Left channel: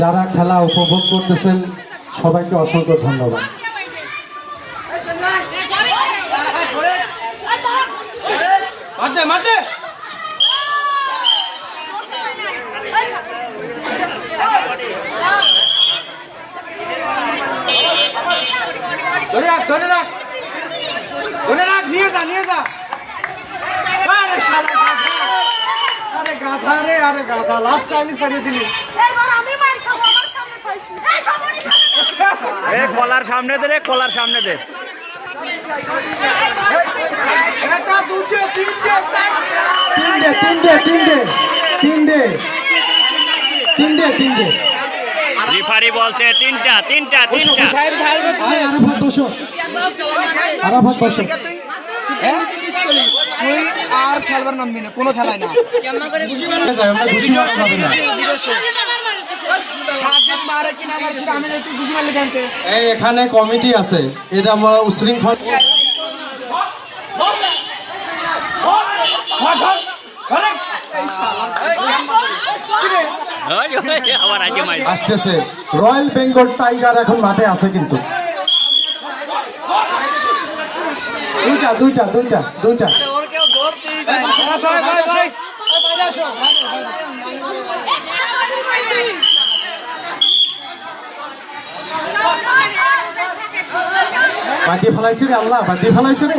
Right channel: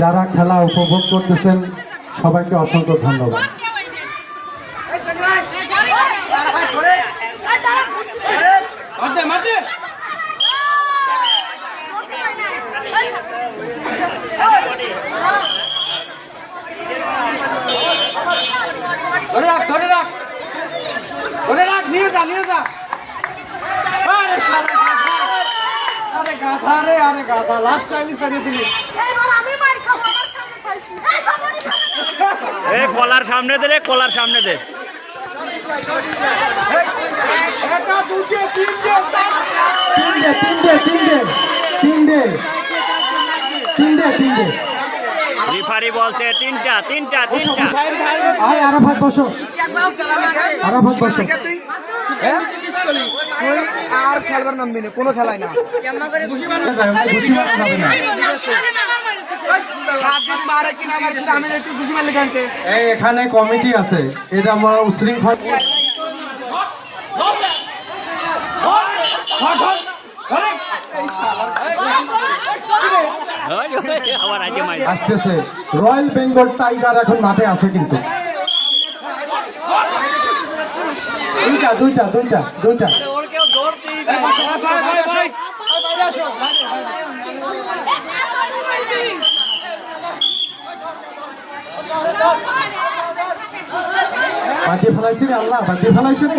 যারা খেলা উপভোগ করতেছেন সবাইকে অসংখ্য ধন্যবাদ। নিয়ে যা গাধা রে, আরে গাধা লাস্ট টাইম সারিয়ে দিলি। কলার সামনে দে রে, কলার সামনে দে। তিনটে রিফারি বলছে তিনটা। আরাফাত বসো। তুই আর খেলবার নামবি না, কোনো খেলায় না। এখানে কমিটি আছে, এটা আমরা উশৃঙ্খল আসতেছে। রয়্যাল বেঙ্গল টাইগার এখন মাঠে আছে, কিন্তু দুইটা বাঁধিয়ে ফেলাইছে রে, আল্লাহ বাঁধিয়ে ফেলাইছে রে।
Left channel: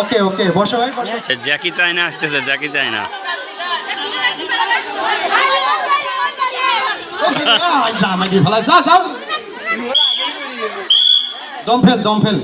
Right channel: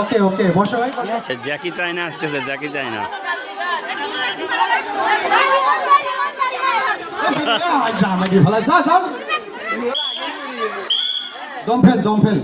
ওকে বসো ভাই, বসো। জ্যাকি চায়না আসতেছে, জ্যাকি চায়না। যা দম ফেল